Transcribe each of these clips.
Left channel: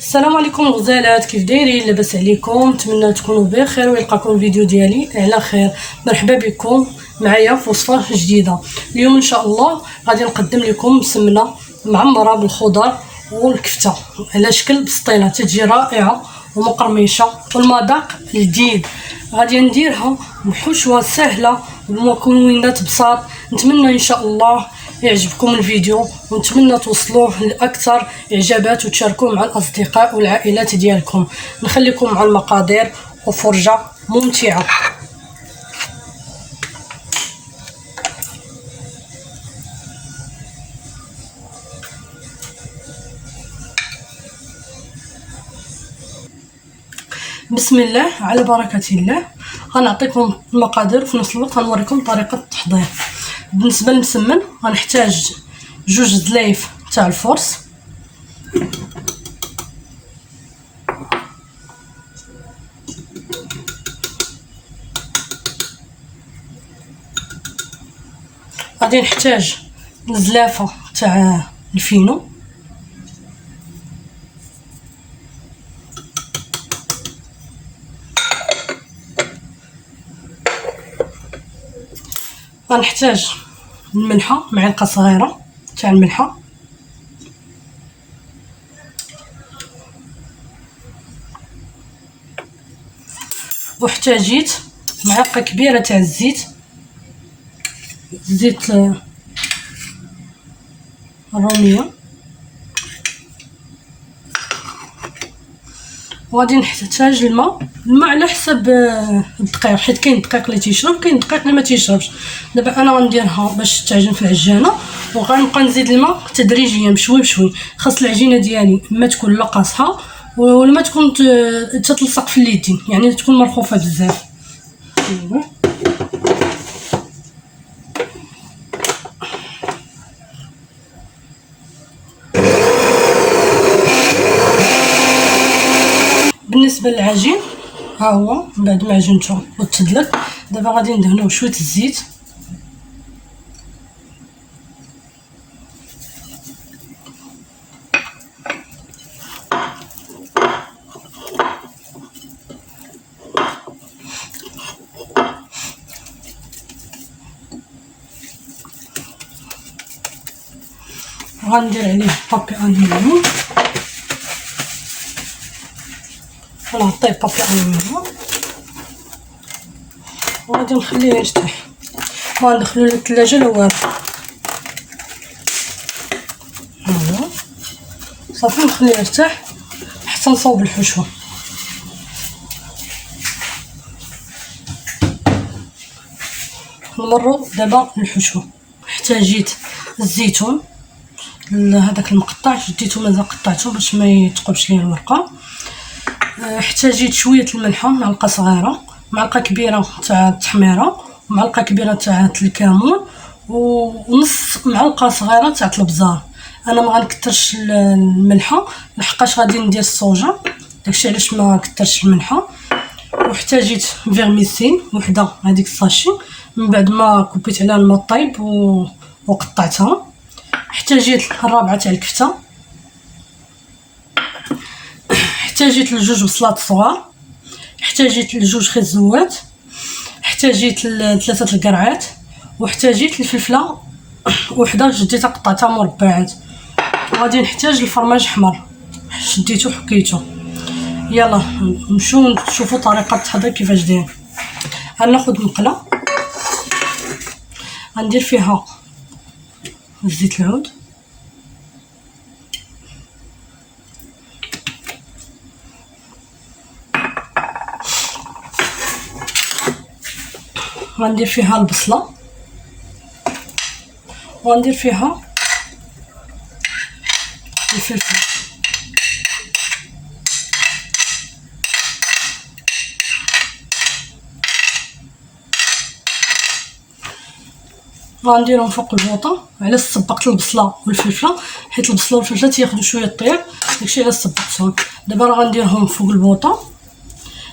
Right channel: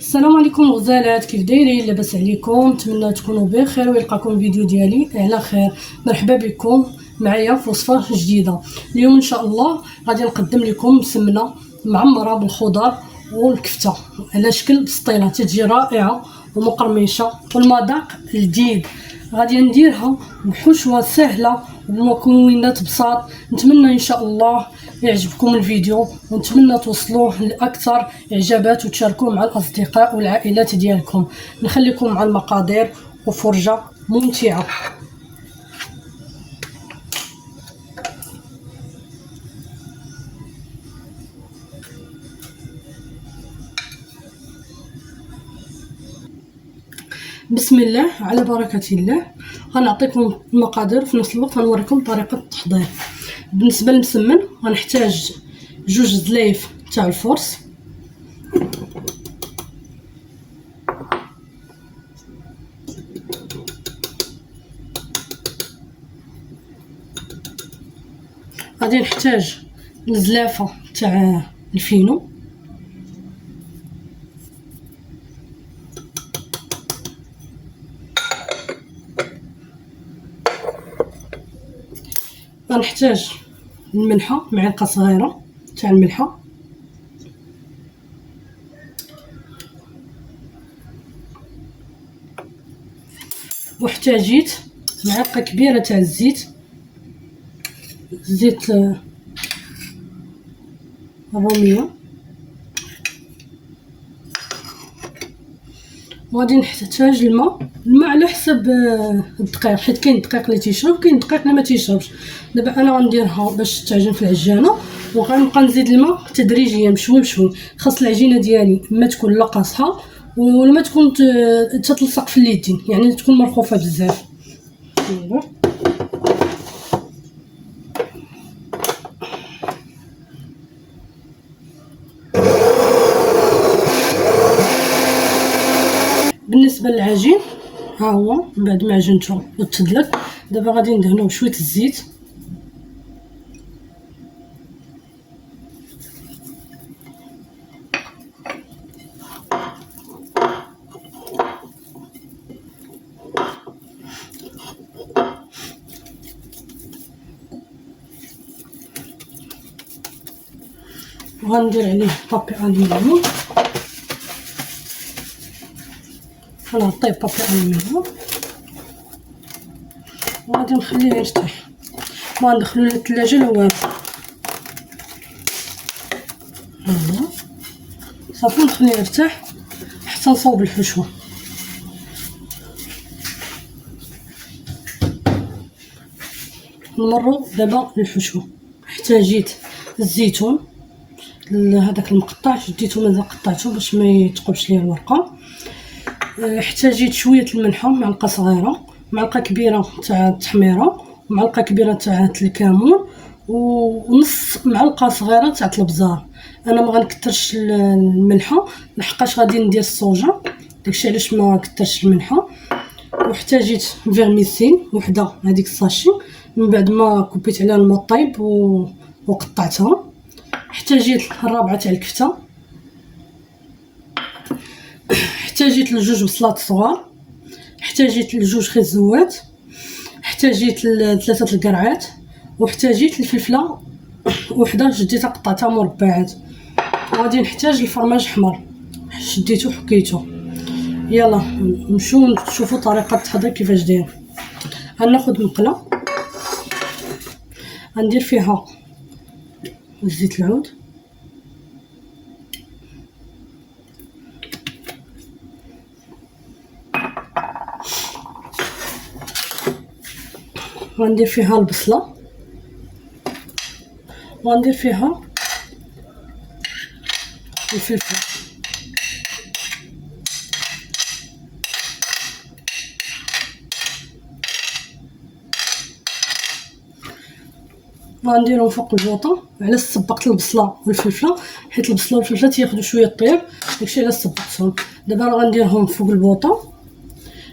السلام عليكم غزالات، كيف دايرين؟ لاباس عليكم؟ نتمنى تكونوا بخير ويلقاكم الفيديو ديالي على خير. مرحبا بكم معايا في وصفه جديده. اليوم ان شاء الله غادي نقدم لكم سمنه معمره بالخضر والكفته على شكل بسطيله، تجي رائعه ومقرمشه والمذاق لذيذ. غادي نديرها بحشوه سهله وبمكونات بساط. نتمنى ان شاء الله يعجبكم الفيديو ونتمنى توصلوه لاكثر اعجابات وتشاركوه مع الاصدقاء والعائلات ديالكم. نخليكم مع المقادير وفرجه ممتعه. بسم الله على بركه الله. غنعطيكم المقادير وفي نفس الوقت غنوريكم طريقه التحضير. بالنسبه للمسمن غنحتاج 2 زلايف تاع الفرص، غادي نحتاج زلافه تاع الفينو، غنحتاج الملحه معلقه صغيره تاع الملحه، واحتاجيت معلقه كبيره تاع الزيت، زيت الروميه، وغادي نحتاج الماء على حسب الدقيق، حيت كاين دقيق اللي تيشرب كاين دقيق اللي ما تيشربش. دابا انا غنديرها باش تعجن في العجانه، وغنبقى نزيد الماء تدريجيا بشوي بشوي. خاص العجينه ديالي ما تكون لا قاصحه ولا ما تكون تتلصق في اليدين، يعني تكون مرخوفه بزاف. بالنسبه للعجين ها هو بعد ما عجنته وتدلك، دابا غادي ندهنوه شويه الزيت، وغندير عليه بابي الومنيوم، غنغطيه بابي الومنيوم وغادي نخليه يرتاح. ما ندخلو للثلاجه لا والو، هو صافي نخليه يرتاح حتى نصاوب الحشوه. نمروا دابا للحشوه. احتاجيت الزيتون هذاك المقطع، شديته مازال قطعته باش ما يتقبش ليه الورقه. احتاجيت شويه الملحه معلقه صغيره، معلقه كبيره تاع التحميره، ومعلقه كبيره تاع الكمون، ونص معلقه صغيره تاع الابزار. انا ما غنكثرش الملحه لحقاش غادي ندير الصوجه، داكشي علاش ما كثرش الملحه. واحتاجيت فيرميسين وحده هذيك الساشي من بعد ما كبيت عليها الماء طايب وقطعتها. احتاجيت الرابعه تاع الكفته، احتاجيت لجوج بصلات صغار، احتاجيت لجوج خزوات، احتاجيت 3 القرعات، واحتاجيت الفلفله وحده شديتها قطعتها مربعات. وغادي نحتاج الفرماج حمر شديته حكيته. يلا نمشيو نشوفوا طريقه التحضير كيفاش داير. غناخذ مقله غندير فيها زيت العود، غندير فيها البصله، وغندير فيها الفلفل، غنديرهم فوق البوطه. علاش صبقت البصله والفلفله؟ حيت البصله والفلفله تياخذوا شويه طياب، داكشي علاش صبقتهم. دابا راه غنديرهم فوق البوطه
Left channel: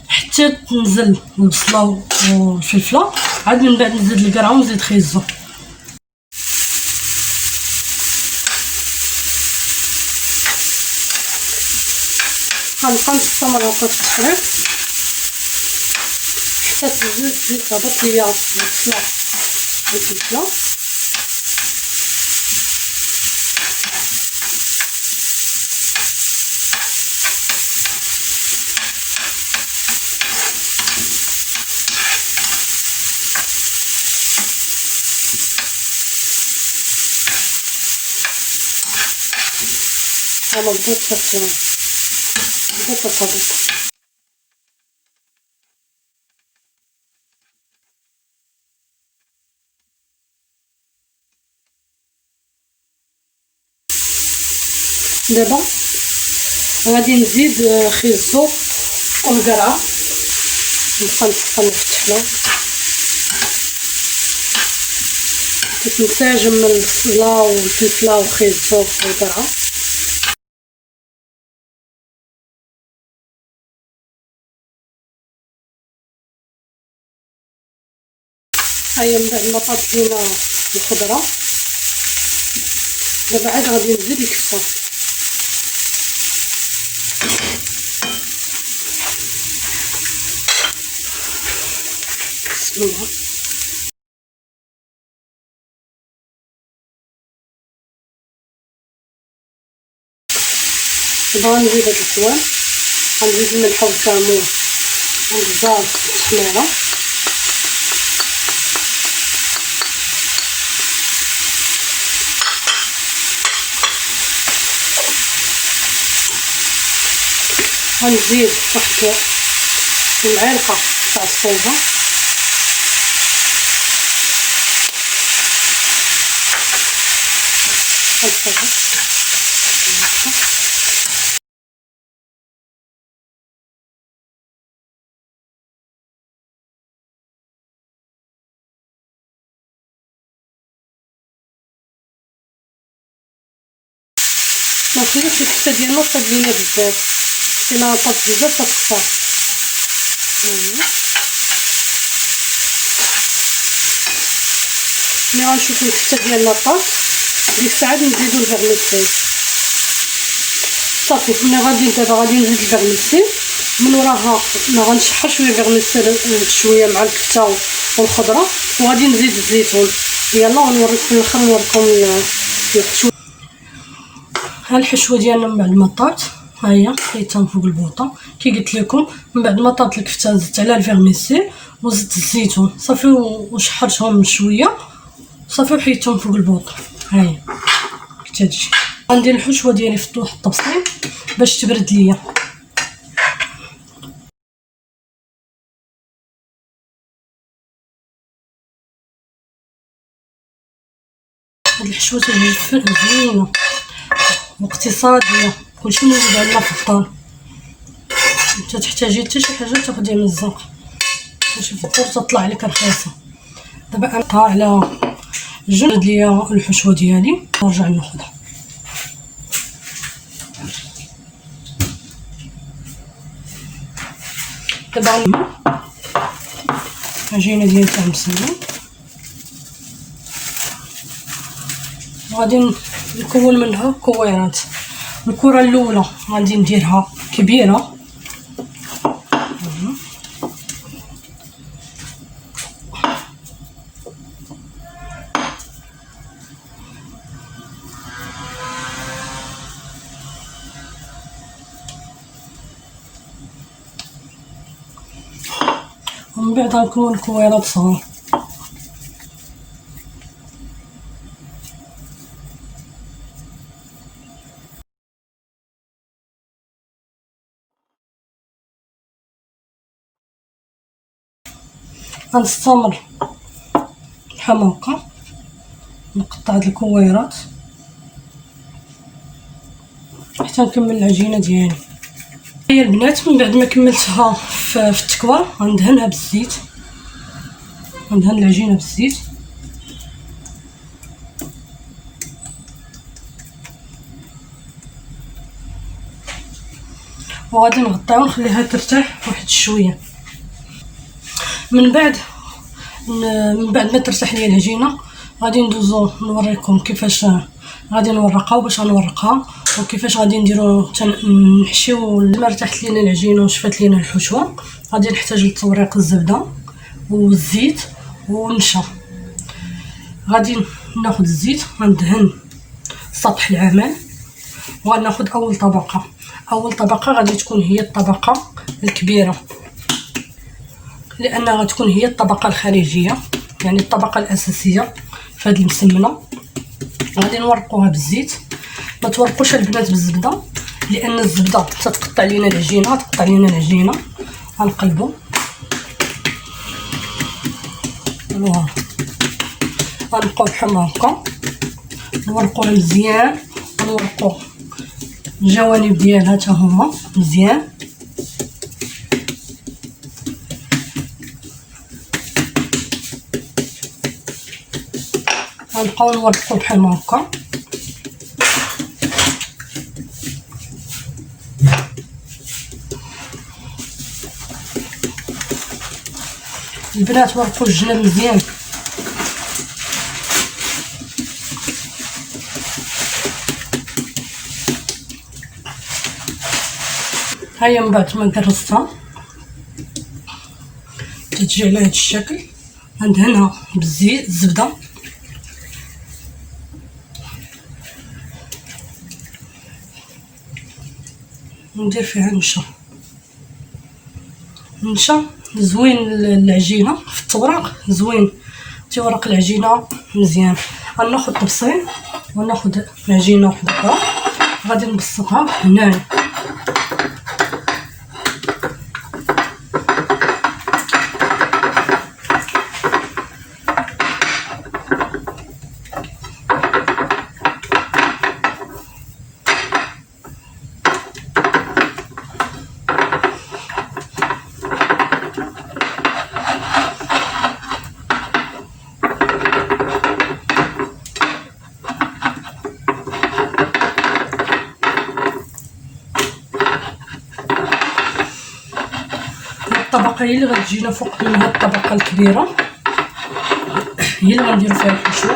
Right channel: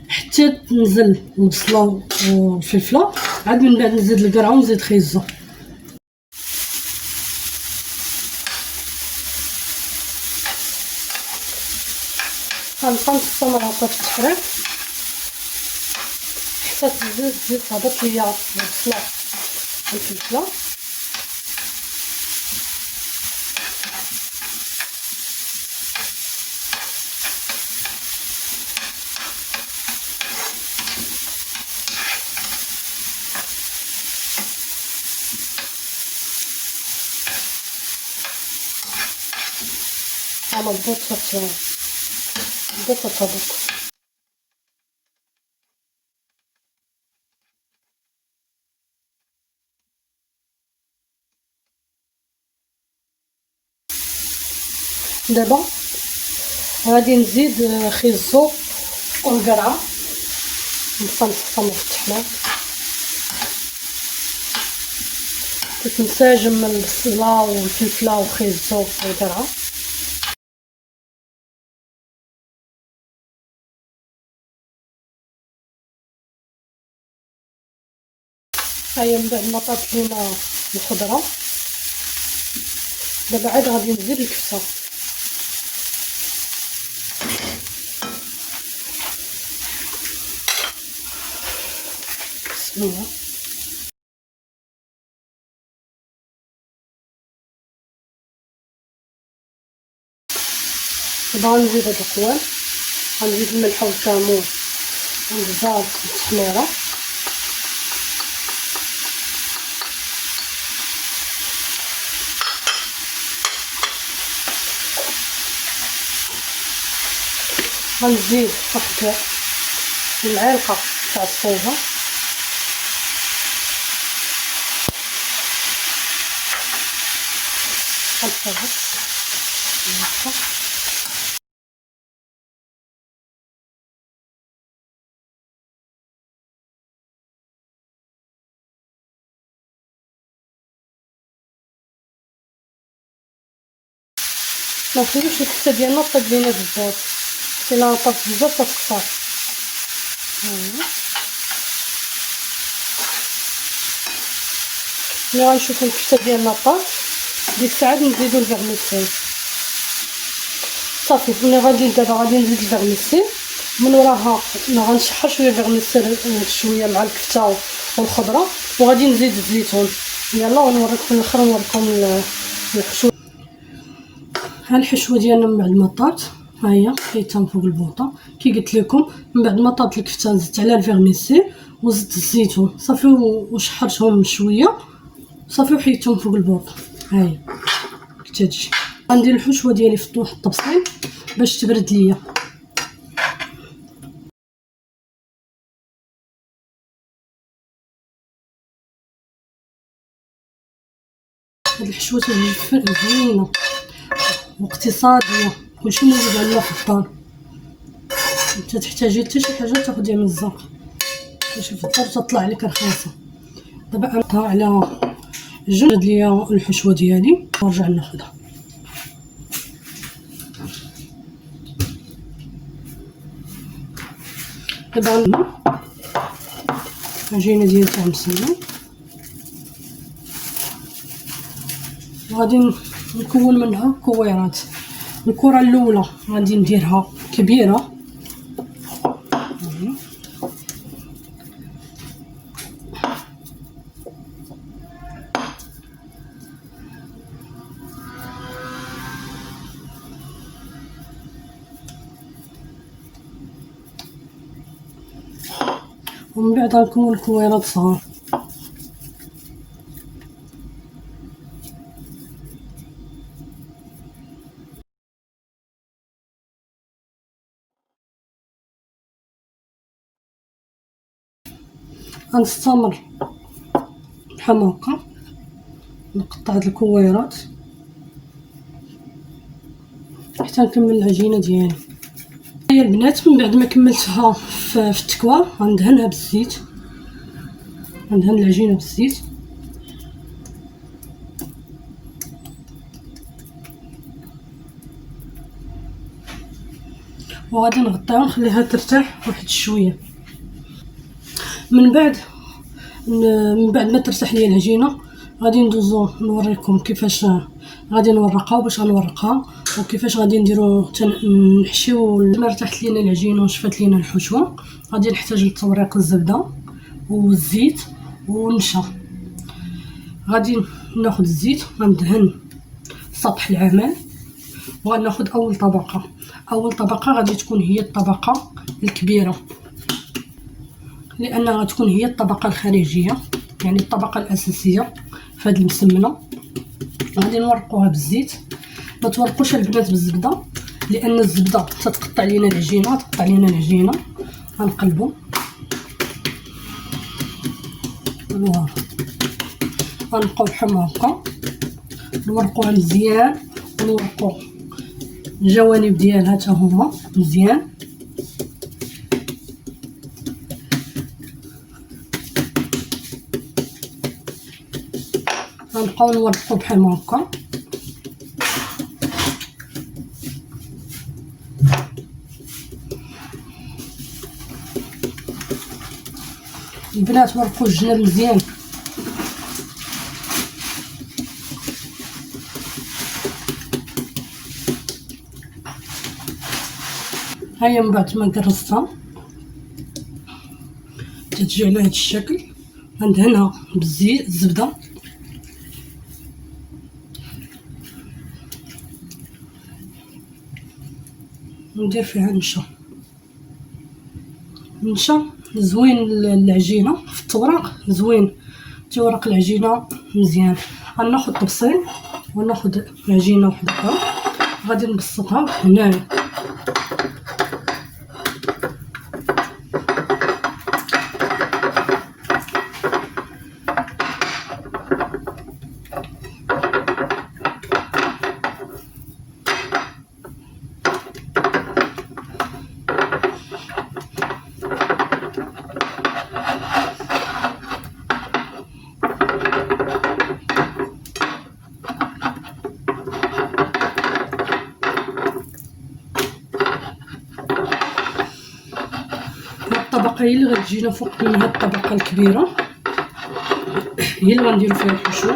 حتى تنزل البصله والفلفله، عاد من بعد نزيد القرعه ونزيد خيزو. غنبقى نستمر هكا في التحريك حتى تزيد تهبط ليا البصله والفلفله. هاهما بدات تهبط. دابا غادي نزيد خيزو والقرعه، نبقى نسخن في التحله تنسجم البصله والفلفله والخيزو والقرعه. هيا من بعد ما طابت لينا الخضره دابا عاد غادي نزيد الكفته. بسم الله. دابا غنزيد هاد القوام، غنزيد الملح والكمون والبزار والتحميره، غنزيد واحد المعلقه تاع الصودا، غنصبر ماشي الكفته ديالنا طاب لينا بزاف، الا طاب بزاف تخسر. ملي غنشوفو الكفته ديالنا طاب ديك الساعه نزيدو الفرميسيل صافي. ملي دابا غادي نزيد الفرميسيل من وراها، غنشحر شويه الفرميسيل شويه مع الكفته والخضره، وغادي نزيد الزيتون. يلا ونوريكم في الاخر، نوريكم الحشوه. ها الحشوه ديالنا من بعد ما طابت، ها هي حيتها من فوق البوطه كي قلت لكم. من بعد ما طابت الكفته زدت عليها الفرميسيل وزدت الزيتون صافي، وشحرتهم شويه صافي وحيدتهم فوق البوطه. ها هي كتجي. غندير الحشوه ديالي في واحد الطبسيل باش تبرد ليا. هاد الحشوه تجي زوينه واقتصاديه، كلشي موجود عندنا في الدار، انت تحتاجي حتى شي حاجه تاخديها من الزنقه باش في الدار تطلع لك رخيصه. دابا نحطها على جنب ليا الحشوه ديالي ونرجع ناخذها. دابا العجينه ديالي تاع مسلمه، وغادي نكون منها كويرات. الكره الاولى غادي نديرها كبيره، ومن بعد غنكون كويرات صغار. غنستمر بحال هكا نقطع هاد الكويرات حتى نكمل العجينه ديالي. هي البنات من بعد ما كملتها في التكوار غندهنها بالزيت، غندهن العجينه بالزيت. وغادي نغطيها ونخليها ترتاح واحد شويه. من بعد ما ترتاح ليا العجينه غادي ندوزو نوريكم كيفاش غادي نورقها وباش غنورقها وكيفاش غادي نديرو نحشيو. لما ارتاحت لينا العجينه وشفات لينا الحشوه غادي نحتاج لتوريق الزبده والزيت والنشا. غادي ناخذ الزيت غندهن سطح العمل وغناخذ اول طبقه غادي تكون هي الطبقه الكبيره لانها غتكون هي الطبقه الخارجيه يعني الطبقه الاساسيه في هذه المسمنه. غادي نورقوها بالزيت. ما تورقوش البنات بالزبده لان الزبده تتقطع لينا العجينه غنقلبوا فوالا غنبقاو بحال هكا نورقوها مزيان ونورقو الجوانب ديالها حتى هما مزيان. غنبقاو نورقو بحال هكا البنات. ورقوا الجناب مزيان هيا. من بعد ما كرستها تجي على هذا الشكل غندهنها بالزيت الزبده وندير فيها نشا زوين العجينه في التوراق زوين تيورق العجينه مزيان. غناخذ طبسين وناخذ عجينه وحده اخرى غادي نبسطها هنايا. الطبقه هي اللي غتجينا فوق من هاد الطبقه الكبيره هي اللي غنديرو فيها الحشو.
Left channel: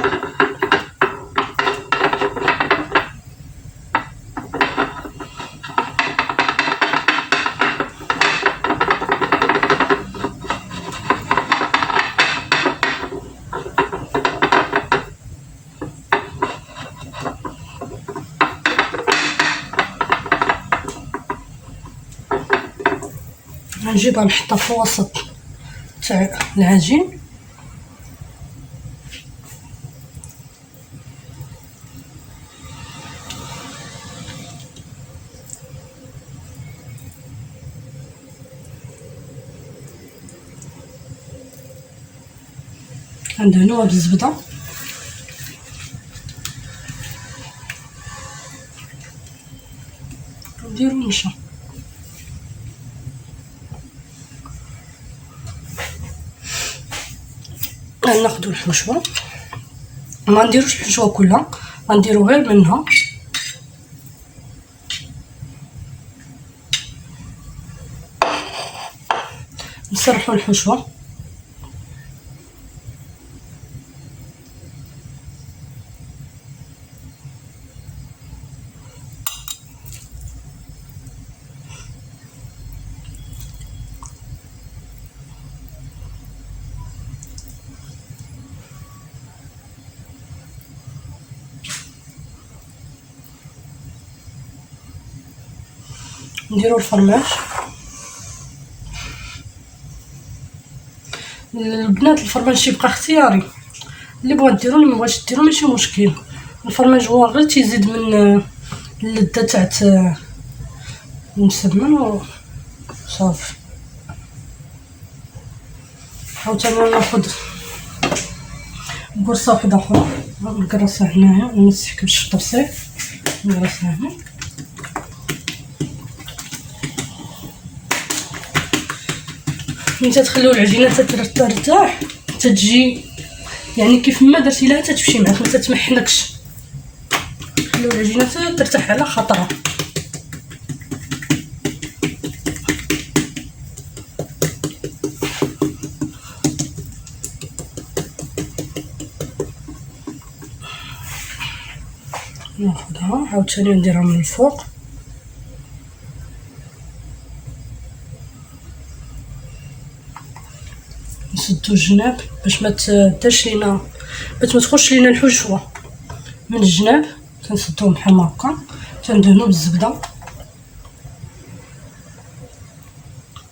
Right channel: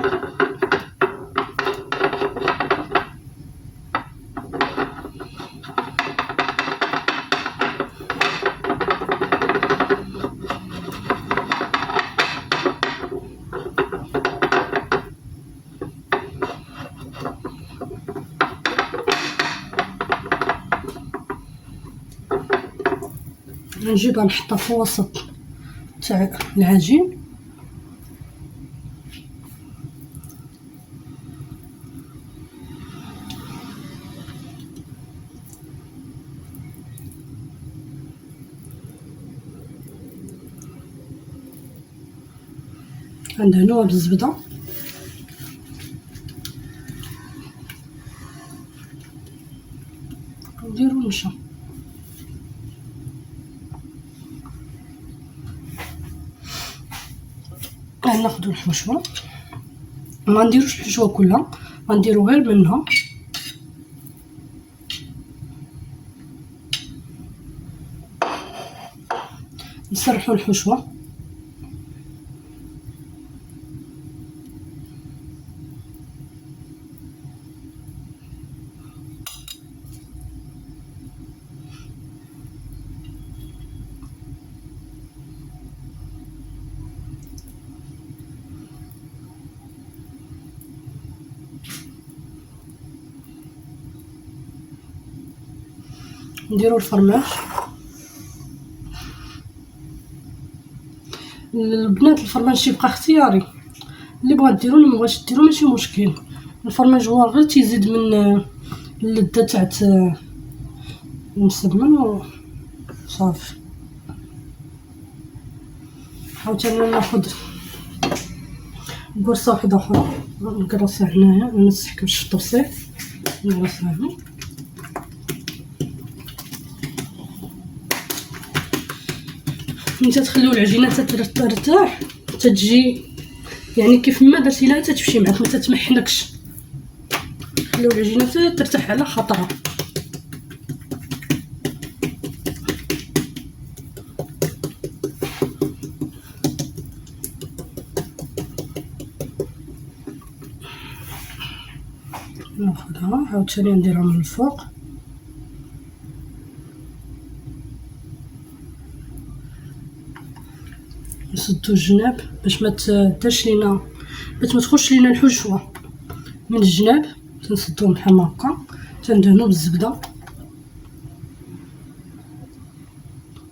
غنجيبها نحطها في الوسط تاع العجين غندهنوها بالزبده نديرو النشا. غناخدو الحشوه ما نديروش الحشوه كلها غنديرو غير منها نسرحو الحشوه نديرو الفرماج. البنات الفرماج تيبقى اختياري اللي بغات ديرو اللي مبغاتش ديرو ماشي مشكل. الفرماج هو غير تيزيد من اللذه تاع المسمن وصافي. عاوتاني ناخذ قرصه وحده اخرى نقرصها هنايا ونسحك باش الطبسيل نقرصها هنا. نتا تخليو العجينه ترتاح تتجي يعني كيف ما درتي لها تتمشي معاك ما تتمحنكش. خليو العجينه ترتاح على خطرها. ناخدها عاوتاني نديرها من الفوق. نسدو الجناب باش ما تداش لينا، باش ما تخش لينا الحشوه من الجناب. تنسدوهم بحال هكا، تندهنو بالزبده،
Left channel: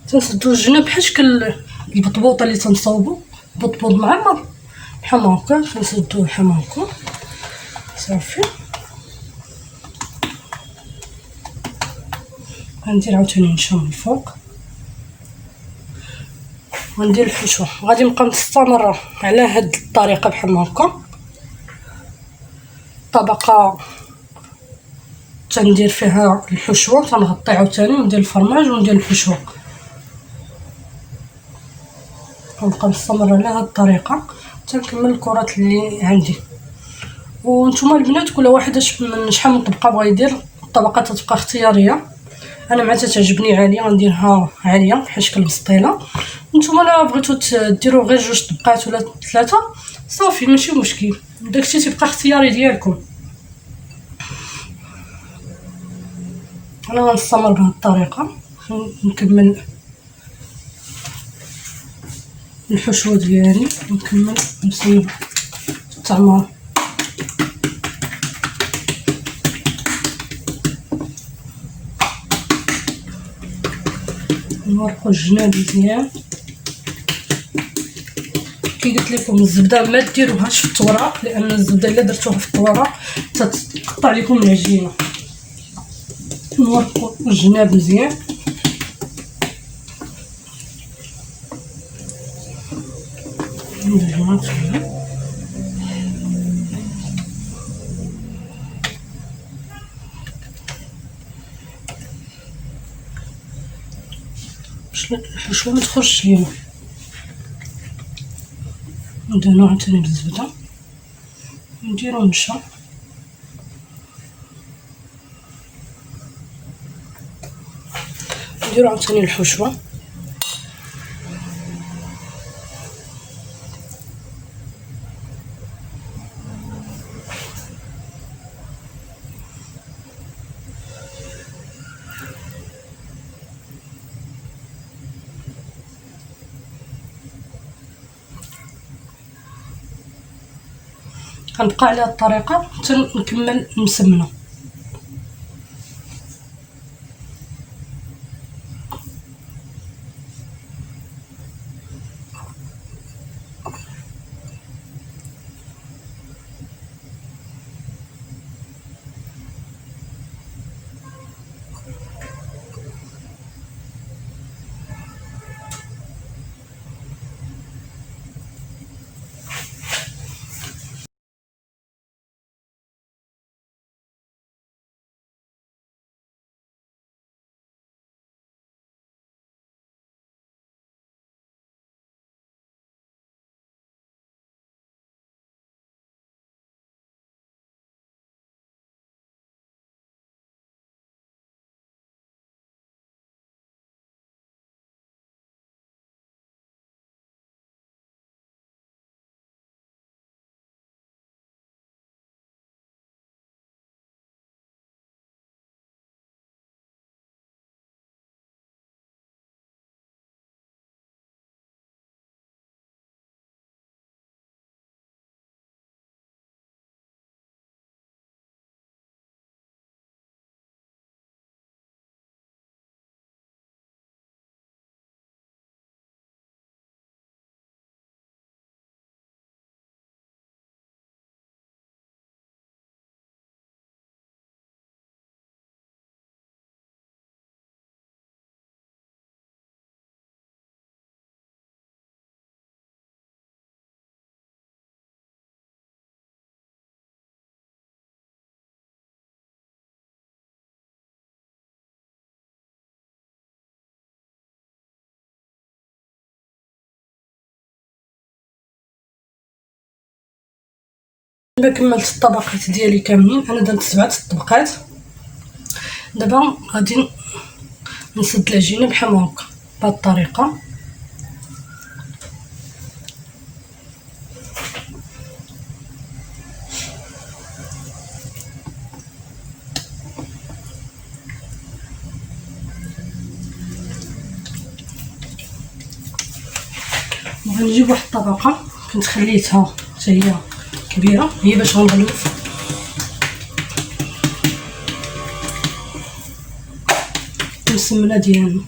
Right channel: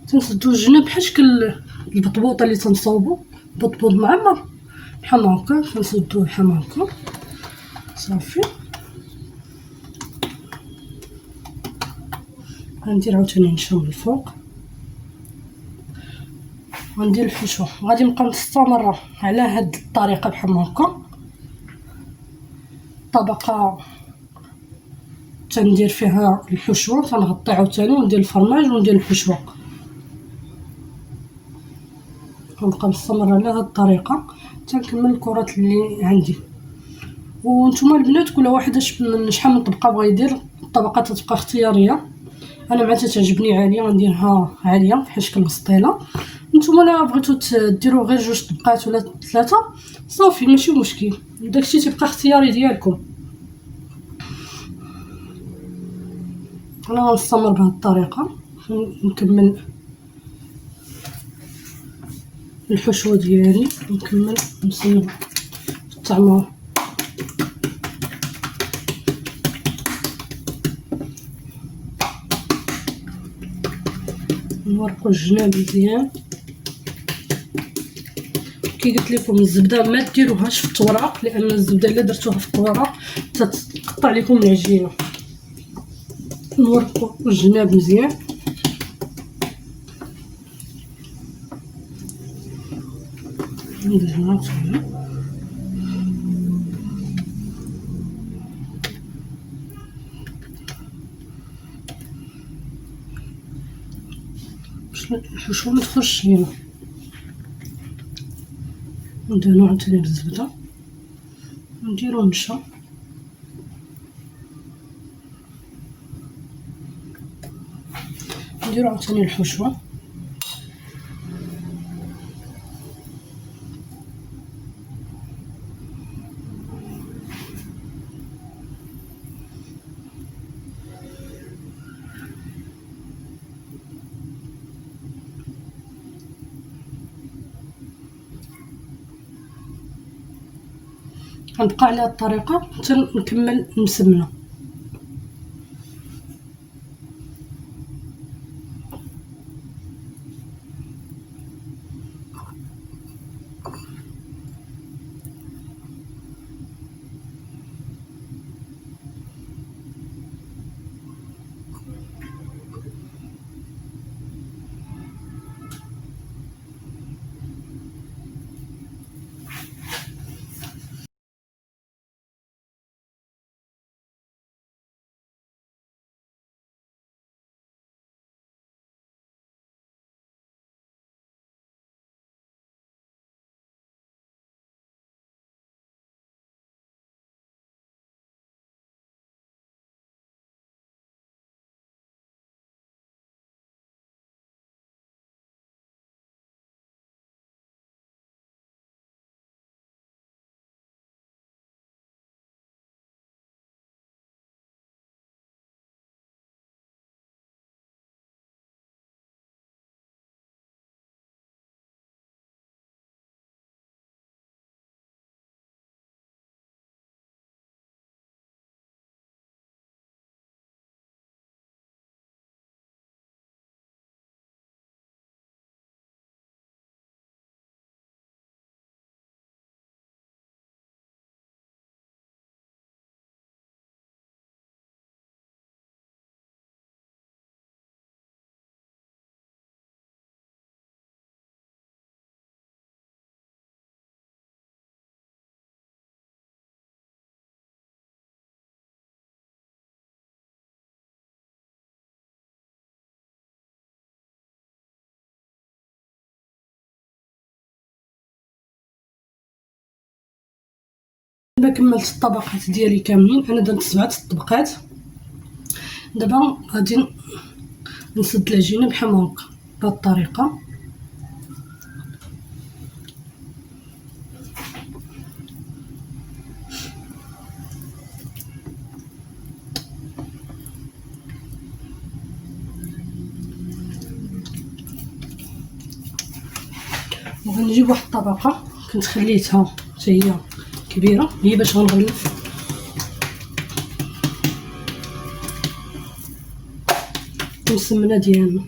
تنسدو الجناب بحال شكل البطبوطه اللي تنصاوبو، بطبوط معمر بحال هكا. تنسدوه بحال هكا صافي. غندير عاوتاني نشا من الفوق، غندير الحشوه. غادي نبقى مستمره على هاد الطريقه بحال هكا. طبقه تندير فيها الحشوه، تنغطي عاوتاني وندير الفرماج وندير الحشوه، ونبقى مستمره على هاد الطريقه تنكمل الكرات اللي عندي. وانتم البنات كل واحد من شحال من طبقه بغا يدير، الطبقه تتبقى اختياريه. انا مع تعجبني عاليه غنديرها عاليه بحال شكل مسطيله. نتوما لا بغيتو ديروا غير جوج طبقات ولا ثلاثه صافي ماشي مشكل، داكشي تيبقى اختياري ديالكم. انا غنستمر بهذه الطريقه نكمل الحشوه ديالي ونكمل نسلم الطعمه. نورقو الجناب مزيان. كي قلت لكم الزبده ما ديروهاش في الطوراق، لان الزبده الا درتوها في الطوراق تتقطع لكم العجينه. نورقو الجناب مزيان. نديرها باش الحشوه ما تخرجش لينا. ندهنو عاوتاني بالزبده، نديرو نشا، نديرو عاوتاني الحشوه. غنبقى على هاد الطريقه حتى نكمل مسمنه. دابا كملت الطبقات ديالي كاملين، انا درت 7 طبقات. دابا غادي نسد العجينه بحال هكا بهذه الطريقه. غنجيب واحد الطبقه كنت خليتها حتى هي كبيره، هي باش غنغلف السمنه ديالنا.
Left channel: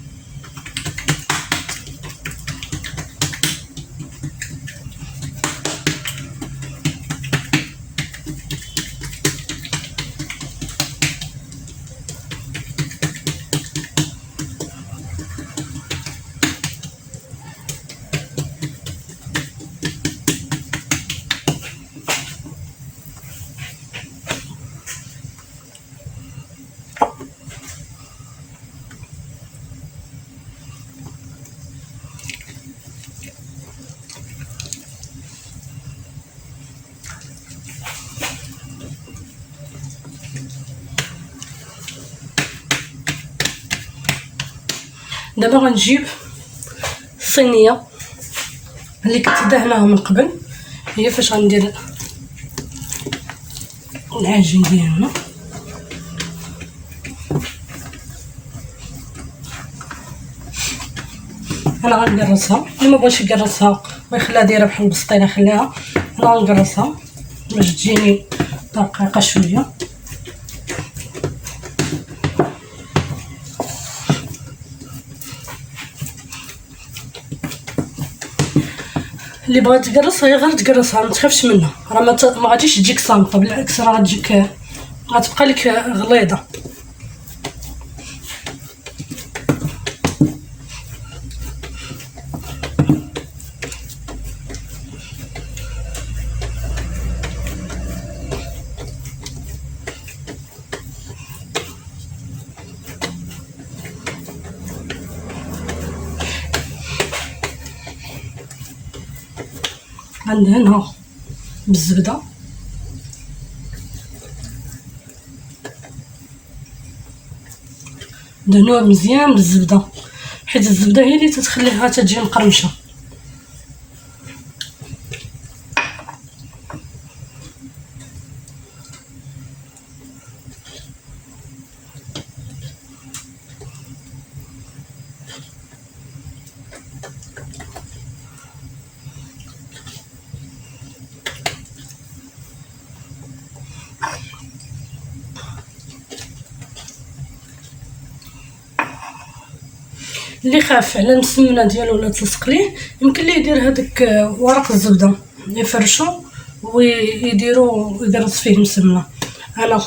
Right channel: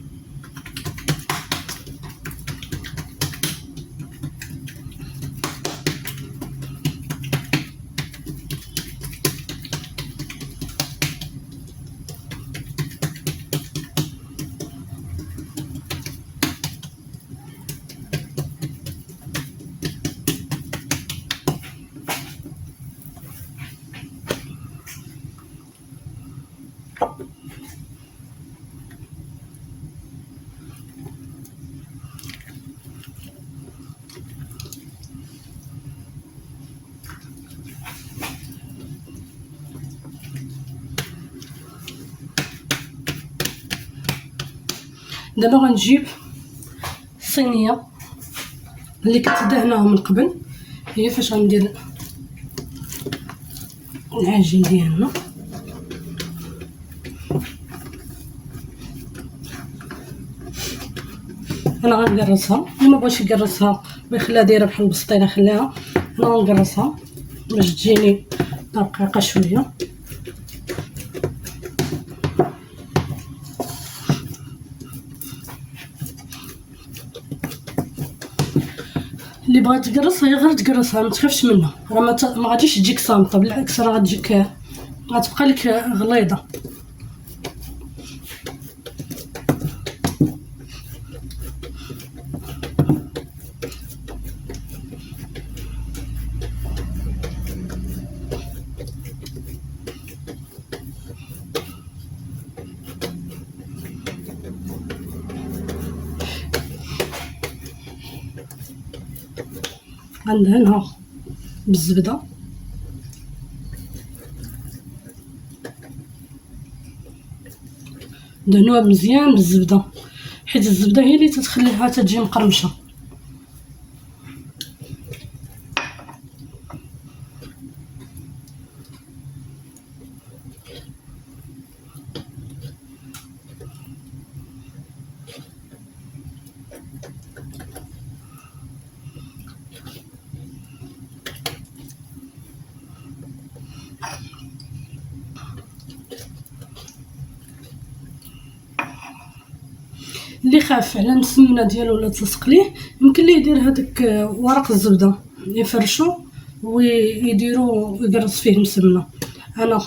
دابا غنجيب الصينيه اللي كنت دهناها من قبل، هي فاش غندير العجين ديالنا. انا غنقرصها، اللي ما بغاش يقرصها ويخليها دايره بحال البسطيله خليها، انا غنقرصها باش تجيني رقيقه شويه. اللي بغات تقرصها هي غير تقرصها، ما تخافش منها، راه ما غاديش تجيك صامته، بالعكس راه غتجيك غتبقى لك غليظه. غندهنها بالزبده، دهنوها مزيان بالزبده حيت الزبده هي اللي تتخليها تجي مقرمشه. اللي خاف على السمنه ديالو ولا تلصق ليه يمكن ليه يدير هذاك ورق الزبده يفرشو ويديروا يقرص فيه السمنه. انا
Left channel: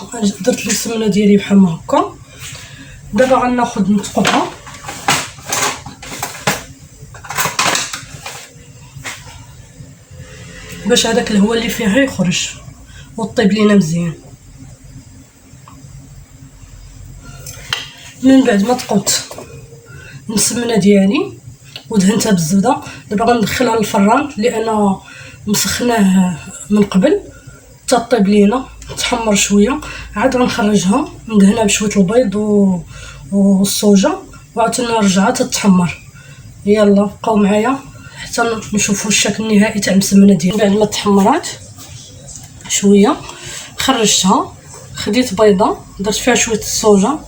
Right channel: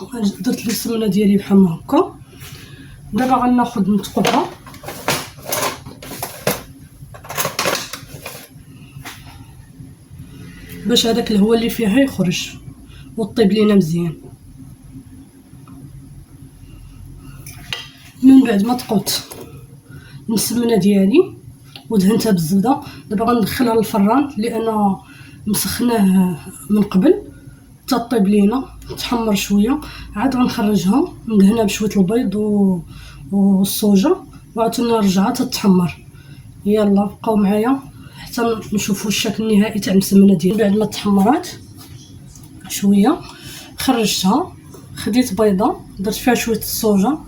درت لي السمنه ديالي بحال ما هكا. دابا غناخذ نثقبها باش هذاك الهواء اللي فيها يخرج وطيب لينا مزيان. من بعد ما ثقبت السمنه ديالي ودهنتها بالزبده، دابا غندخلها للفران لان مسخناه من قبل تطيب لينا تحمر شويه، عاد غنخرجها ندهنها بشويه البيض والصوجه وعاوتاني نرجعها تتحمر. يلا بقاو معايا حتى نشوفوا الشكل النهائي تاع المسمنه ديالي. بعد ما تحمرات شويه خرجتها، خديت بيضه درت فيها شويه الصوجه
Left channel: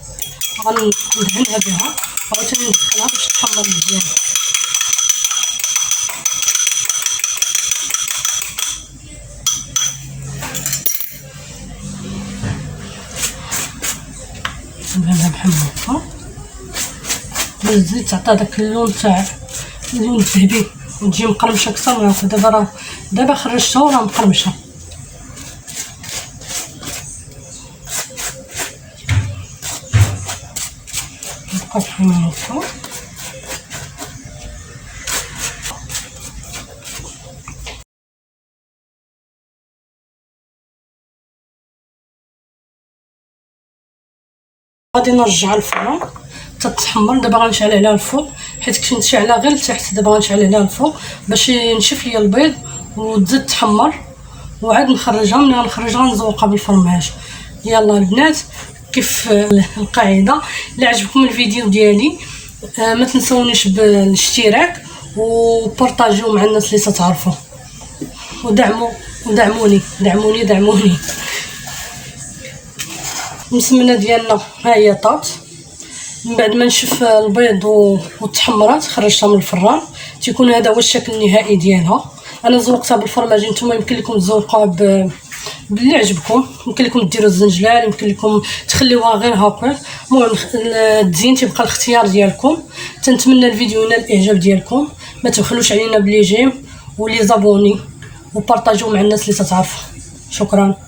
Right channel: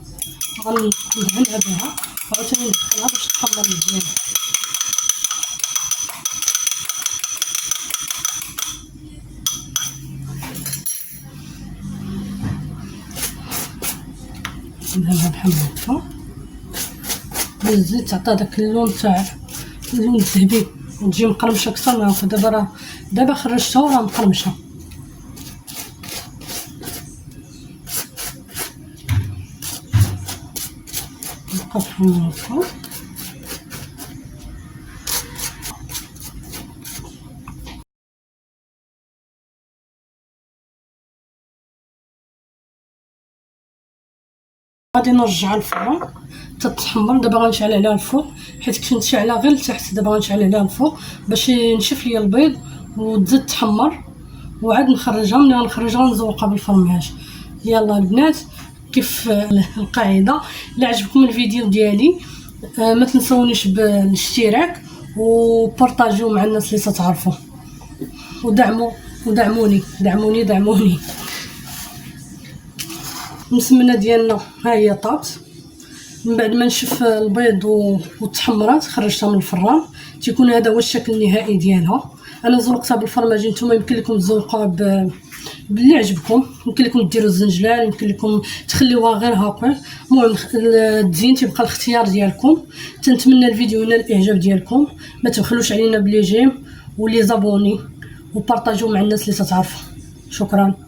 غندهنها بها وعاوتاني ندخلها باش تحمر مزيان. ندهنها بحال هكا بالزيت تعطي داك اللون تاع اللون الذهبي وتجي مقرمشه اكثر من هكا. دابا خرجتها وراه مقرمشه. نبقى بحال هكا غادي نرجعها للفران تتحمر. دابا غنشعل عليها الفوق حيت كنت شاعله غير لتحت، دابا غنشعل عليها الفوق باش ينشف ليا البيض وتزيد تحمر وعاد نخرجها. ملي غنخرجها نزوقها بالفرماج. يلا البنات كيف القاعده، الا عجبكم الفيديو ديالي ما تنسونيش بالاشتراك وبارطاجيو مع الناس اللي تعرفوا ودعموني. المسمنه ديالنا ها هي طات. من بعد ما نشف البيض وتحمرات خرجتها من الفران، تيكون هذا هو الشكل النهائي ديالها. انا زوقتها بالفرماج، نتوما يمكن لكم تزوقوها باللي عجبكم، يمكن لكم ديروا الزنجلال، يمكن لكم تخليوها غير هكا. المهم التزيين تيبقى الاختيار ديالكم. تنتمنى الفيديو ينال الاعجاب ديالكم، ما تبخلوش علينا بلي جيم ولي زابوني وبارطاجيو مع الناس اللي تتعرفوا. شكرا.